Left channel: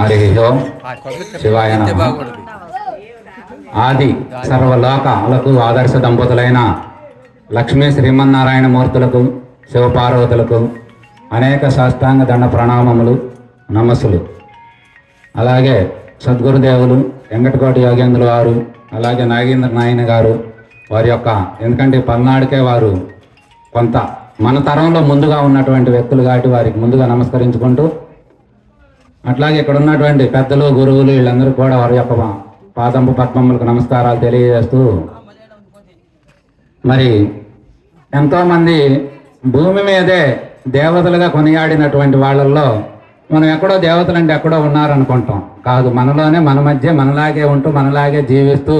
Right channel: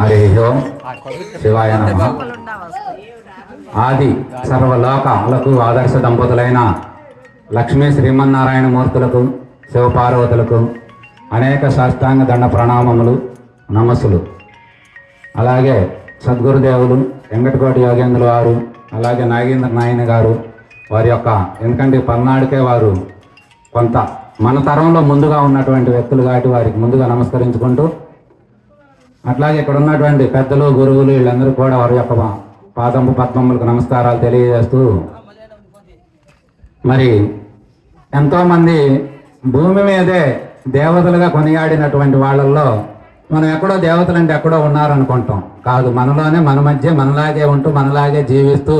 హరి ఓం శివాయ నమః. ఆది సర్వలోకాలకు ఆదర్శ దంపతులైన లక్ష్మీ శ్రీమన్నారాయణ మూర్తులకు శివపార్వతులకు అనేక సాష్టాంగ దండ ప్రణామములు నమస్సులు. అలాగే సద్గురుదేవులు వెంకటకోటి యోగేంద్ర వారు, అలాగే నాగేంద్ర నాయన గారు వారి యొక్క, ఎందుకంటే పల్నాడుకే వారు కొంత మన తరంలో ముందుగా ఉన్నటువంటి వ్యక్తులు కాబట్టి వారికి ముందుగా నమస్కరించుకుంటూ, అట్లాగే ఇక్కడ ఉన్నటువంటి పెద్దలు గురువులు వీళ్ళందరూ కూడా వారి యొక్క పాదంపు పద్మములకు నమస్కారాలు తెలియజేస్తూ, మరి ఎంతోమంది భూమి మీదే దేవతలుగా కొనియాడినటువంటి వాళ్ళల్లో మనం ఎక్కడో దేవతలు అంటే ఎక్కడో ఉన్నారనుకుంటాం. కాదు, మనలోనే మన మధ్య మనలాగే ఉంటూ మనలాగే జీవిస్తూ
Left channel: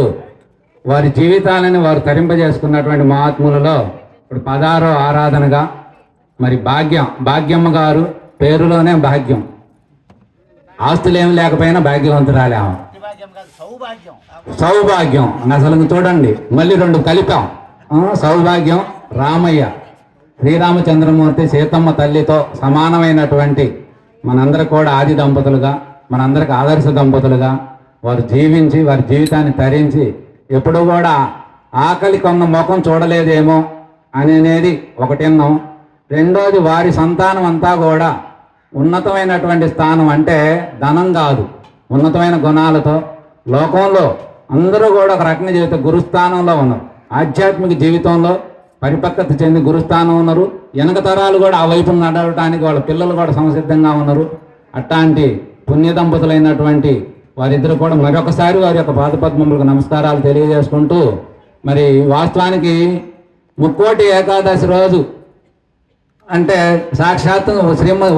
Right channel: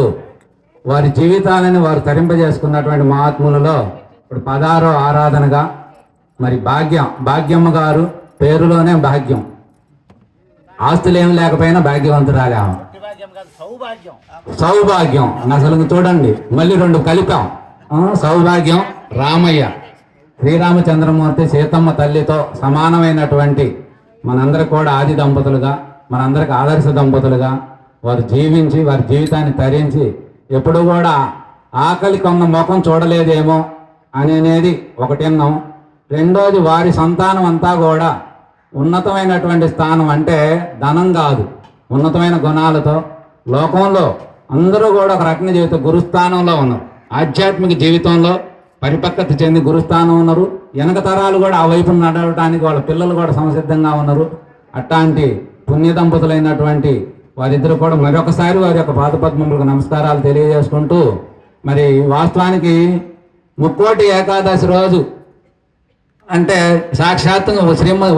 వారి జీవితాలను వారు తరింపజేసుకున్నటువంటి మహాత్ములలో ఇప్పుడు 16వ ఆరాధనగా మరి భాగ్యమ్మ గారు పేరులోనే భాగ్యం, ఆస్తులు ఏమి లేకపోయినా భాగ్యవంతురాలే. సౌభాగ్యం అసలు చూడండి, మళ్ళీ రెండు కలిపాం. సౌభాగ్యం రామయ్య, శ్రీరామచంద్రమూర్తి సీతమ్మ తల్లితో సమానమైనటువంటి మనందరూ కూడా ఆది దంపతులుగా, మనందరికి ఆదర్శ దంపతులుగా వారు జీవించి వారి జీవితాన్ని తరించి ఎప్పుడూ కూడా ఆకలి కొన్న ముఖం చూడలేదేమో అనేది ఒకటి అన్నాం. రెండోది, వారి సంతానం అంతా కూడా ఉన్నతమైనటువంటి స్థానం, అంటే ధనం కాదు, ఉన్నతమైన గుణాలతో లోకంలో అందరూ కూడా ఒక రకమైన జీవితం గురుస్థానంలో ఉన్నారు. ఆధ్యాత్మిక జీవితంలో పరిపక్వత చెంది గురుస్థానం ఉన్నారు. వెనక తరాలు కూడా ఆ వైపు నడవటానికి వాళ్ళ పిల్లలు కూడా సంసిద్ధంగా ఉన్నారు. అట్లాంటి పుణ్య దంపతులైనటువంటి వారిద్దరు కూడా మరొకసారి వారి యొక్క పాదపద్మములకు నమస్కారాలు తెలియజేసుకుంటూ, మరి వాస్తవానికి ముక్కోటి ఏకాదశి రోజు అంటే సాక్షాత్తు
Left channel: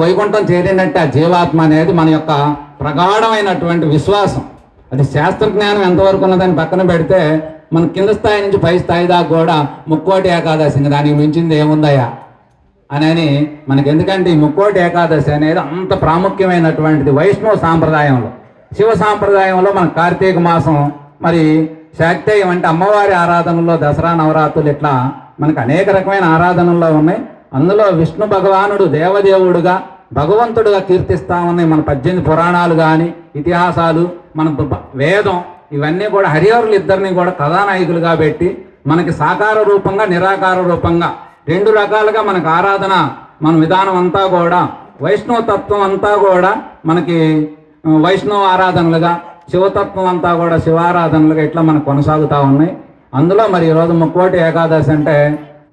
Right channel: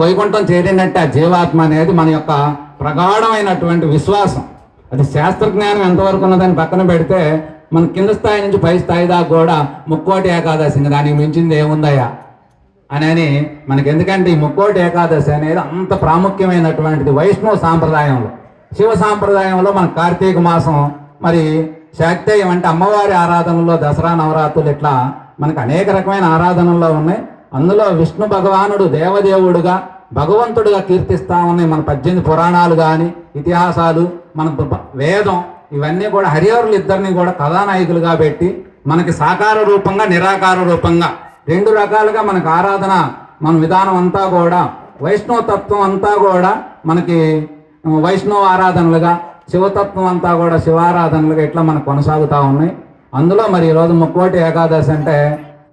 వైకుంఠం చేరినట్టు ఆ జీవాత్మ అనేది మన యొక్క ప్రగాఢమైనటువంటి విశ్వాసం. అది శాస్త్రజ్ఞానం ఎంతవరకు ఉన్నదాన్ని పక్కన పెడితే మన కింద స్థాయి నుంచి పై స్థాయి దాకా కూడా ముక్కోటి ఏకాదశి, దానికి మించింది ఏముందయ్యా అని మనకి. ఎందుకంటే ఈ ముక్కోటి ఏకాదశి అనేది అంత ప్రాముఖ్యమైనటువంటిది వైష్ణవ సాంప్రదాయంలో. శివ సాంప్రదాయంలో మన కార్తీక మాసం మరి శాక్తేయం అంటే అమ్మవారి ఆరాధనలో దసరా నవరాత్రులు ఇట్లా మనకు అనేక రకమైన ఆరాధనల్లో ఉన్నాయి. అందులో విష్ణు భగవానుడు దేవదేవుడుగా భగవంతుడుగా కీర్తిస్తామని మన 18 పురాణాలు కానీ ఇతిహాసాలు, మన వేదం, ఇవన్నీ కూడా హరిహరులు ఇద్దరిని కూడా కథానాయకులుగా పెట్టి మనకి సాకార రూపంగా నిరాకార రూపంగా రెండు రకాలుగా మనకు ఆరాధన మన విధానం అంతా కూడా వైష్ణవ తత్వం అంతా కూడా మనకి వైష్ణవ ఆరాధనలుగా, శివతత్వం అంతా కూడా శివారాధనలుగా ఇట్లా మనకు కొనసాగుతూ ఉన్నాయి. అందులో మరి ఈరోజు ముక్కోటి ఏకాదశి అంటే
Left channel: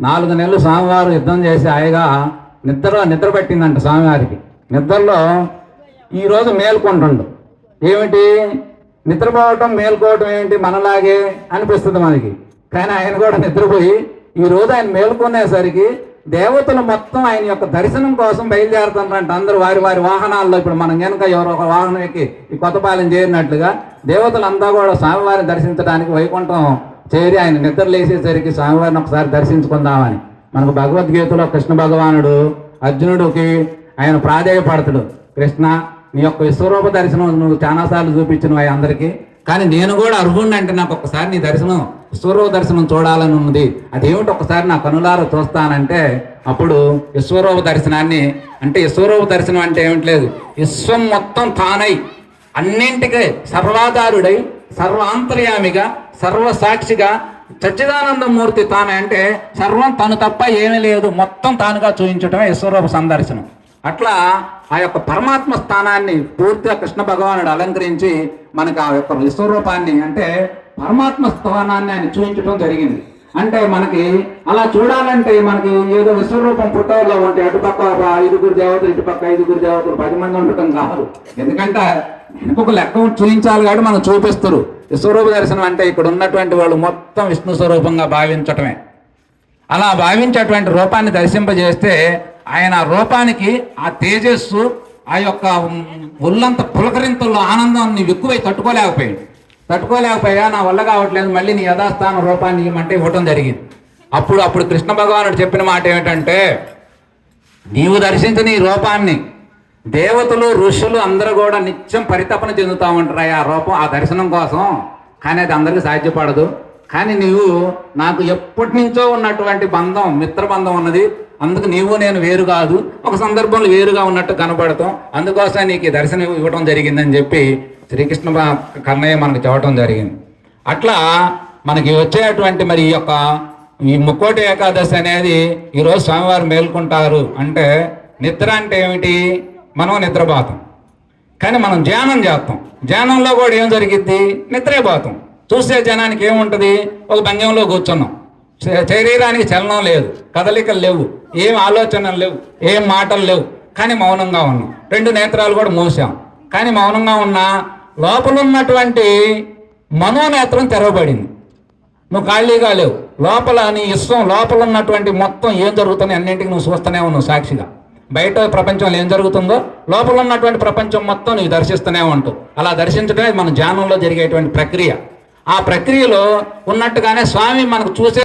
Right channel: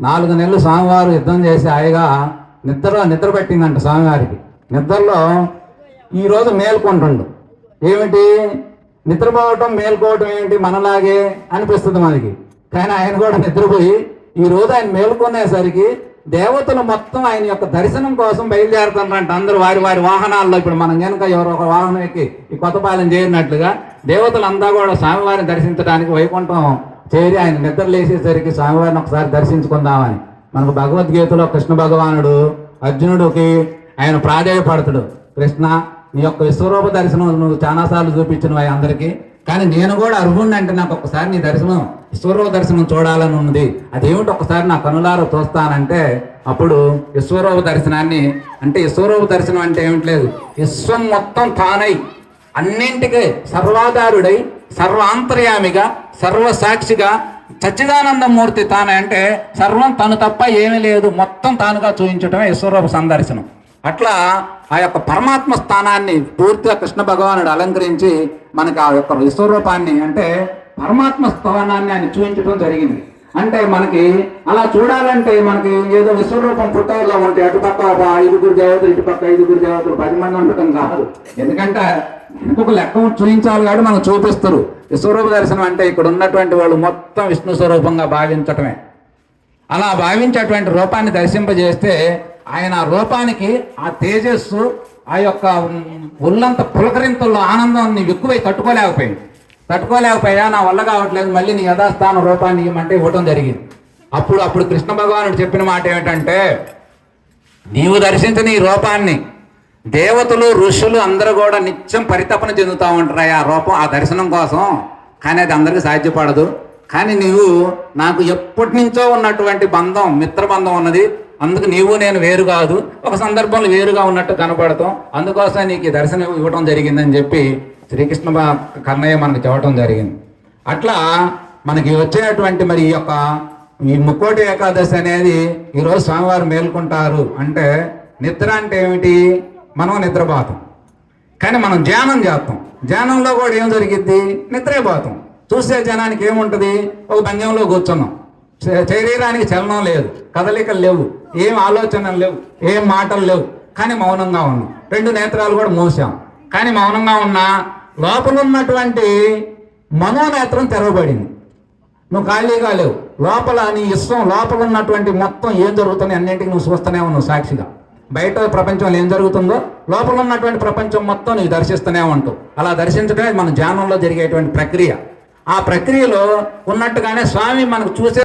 4 నెలలు స్వామివారు యుద్ధం చేసి హాయిగా నిద్ర పట్టిందంట స్వామివారికి. నిద్రలో ఈరోజు మేల్కొంటుండు. ఏమిటి నిద్రపోవటం మేల్కోవటం ఏంటి మనలాగే అనిపిస్తుంది మనకి. కానీ ఆయన కూడా నిద్రపోయి ఈరోజు ఆయన మేల్కొనేసరికి దేవతలు మొత్తం ఆయన యొక్క దర్శనం కోసం బయలుదేరుతున్నారంట. అందరూ వారి వారి వాహనాల్లో, ఇప్పుడు మనం కనుక ఎవరో ఒక వాహనం ఎక్కి ఈ కొత్తపాలెం చేరినట్లుగా దేవతలు అంతా కూడా స్వామివారిని దర్శించడానికి వైకుంఠం చేరి ఆయన నిద్ర లేచేసరికి స్వామివారిని ఒకసారి దర్శించుకుందామని. మనకు భగవద్గీతలో కృష్ణ భగవానుడు అర్జునుడికి ఆయన ప్రాధేయపడతాడు, కృష్ణ నీ యొక్క విశ్వరూప దర్శనం నువ్వు చాలాసార్లు చూపించినవి అందరికీ, కానీ నేను కూడా అర్హుణ్ణి, అంటే నాకు ఒక్కసారి నీ దర్శనం విశ్వరూప దర్శనం చూడాలని ఉంది, అదేమిటి ఒక్కసారి నా కనులారా చూస్తానంటే అప్పుడు విశ్వరూప దర్శనాన్ని, అంటే విశ్వరూప దర్శనం అంటే ఏమిటి లేదు, విశ్వం మొత్తం తానై అన్నింటికీ సర్వాధారుడై సర్వాంతర్యామిగా సర్వసాక్షిగా సచ్చిదానందమూర్తి తాను, అంటే సర్వం తను తప్ప ఏమీ లేదు, మొత్తం తానుగా చూపించటమే విశ్వరూప సందర్శనం. అట్లా ఆ యొక్క పరమాత్మ స్థానాన్ని పూర్తిగా కృష్ణ భగవానుడు అలంకరించి మనకు ఆ యొక్క విశ్వరూపాన్ని, అంటే పరమాత్మ స్థానాన్ని ఆయన చూపించడం జరిగింది. అంటే మనకి అలా చూడాలంటే మనకి ఏదో విశ్వరూపం పుట్టలో ఉంటే అటుపక్క 5 దేవతలు, ఇటుపక్క 5 దేవతలు 10 మంది ఉండటం కాదు. ఎందుకంటే ఇంకొక లెక్క చూపించాలి కాబట్టి మనం చూపిస్తారు. విశ్వరూప దర్శనం అంటే ఇక్కడ ఉన్నటువంటి వాళ్ళు మొత్తం విష్ణు స్వరూపంగా భావించటమే. అలా భావించేటువంటి రూపాన్ని దర్శింపజేస్తే ఆయన రూపానికి ఆ తేజస్సు, ఆ యొక్క ఒళ్ళంత పులకరింతల్లో ఆనందాన్ని ఎక్కువై తట్టుకోలేకపోయా నా వల్ల కావట్లేదు, మళ్ళీ నీ యథాస్థాన రూపాన్ని ఇవ్వమంటే ఇవ్వటం జరిగింది. అప్పుడు కృష్ణ భగవానుడు చెప్పిన మాట ఏమిటంటే, నీవు దర్శించిన ఈ రూపాన్ని దేవతలు ఋషులు అందరూ కూడా నిత్యం పరితపన చెందుతూ ఉంటారు ఆ రూపం, ఆ దర్శనం కోసం. కానీ అది అందరికీ సాధ్యపడదు. కానీ నీవు నాకు ఎప్పటి నుంచో ఉన్నటువంటి బంధం, మిత్రబంధం ఉన్నది, అందుకు నీవు నేను వేరు కాదు, ఒక సందర్భంలో వేరుగా ఉన్నట్టు కనపడతాం, అందుకోసమే నీకు ఈ దర్శనం ఇవ్వడం జరిగిందని చెప్పి శ్రీకృష్ణ కన్నయ్య మనకు చెప్పడం జరిగింది. అట్లా మనకి వచ్చేటువంటి మరి ఈ ముక్కోటి ఏకాదశి అనేది ఈరోజు స్వామివారు మేల్కొంటారు అంటే, నిద్ర అంటే ఏమిటి? మనం నిద్రపోతాం, కానీ మనం ధ్యానం చేస్తాం. ధ్యానంలో కూడా ఏం జరిగిద్ది? నిద్రే పోతాం. చూసే జనానికి ఏముంటుంది? ఒక భంగ్యంలో కూర్చున్నాం, శరీరానికి చలనం లేదు, కదలికలు లేవు, ఏం ఆలోచనలు లేవు, ఏం మాటలు లేవు, కానీ మౌనంగా ఉన్నాం. రెండు నేత్రాలు కూడా మూసాం, కానీ మౌనంగా ఉన్నా లోపల ఉన్నటువంటి మనోనేత్రం తెరవబడింది. నువ్వు ఖాళీగా లేవు, లోపల నీ ఇష్టం, లోపల ఉన్నటువంటి మొత్తం ఏం జరుగుతుంది అన్నింటికి నువ్వు చూస్తూనే ఉన్నావు సాక్షిగా. బయట ప్రపంచంలో ఏం జరుగుతుందో లోపల ఉన్నటువంటి ప్రపంచం మొత్తం నీకు దర్శిస్తూనే ఉంటావు. అలా దర్శించడమే మన ధ్యానంలో జరిగేటువంటి ప్రక్రియ. ఆ ప్రక్రియలో ఉన్నట్టుగానే స్వామి మనకు చూసే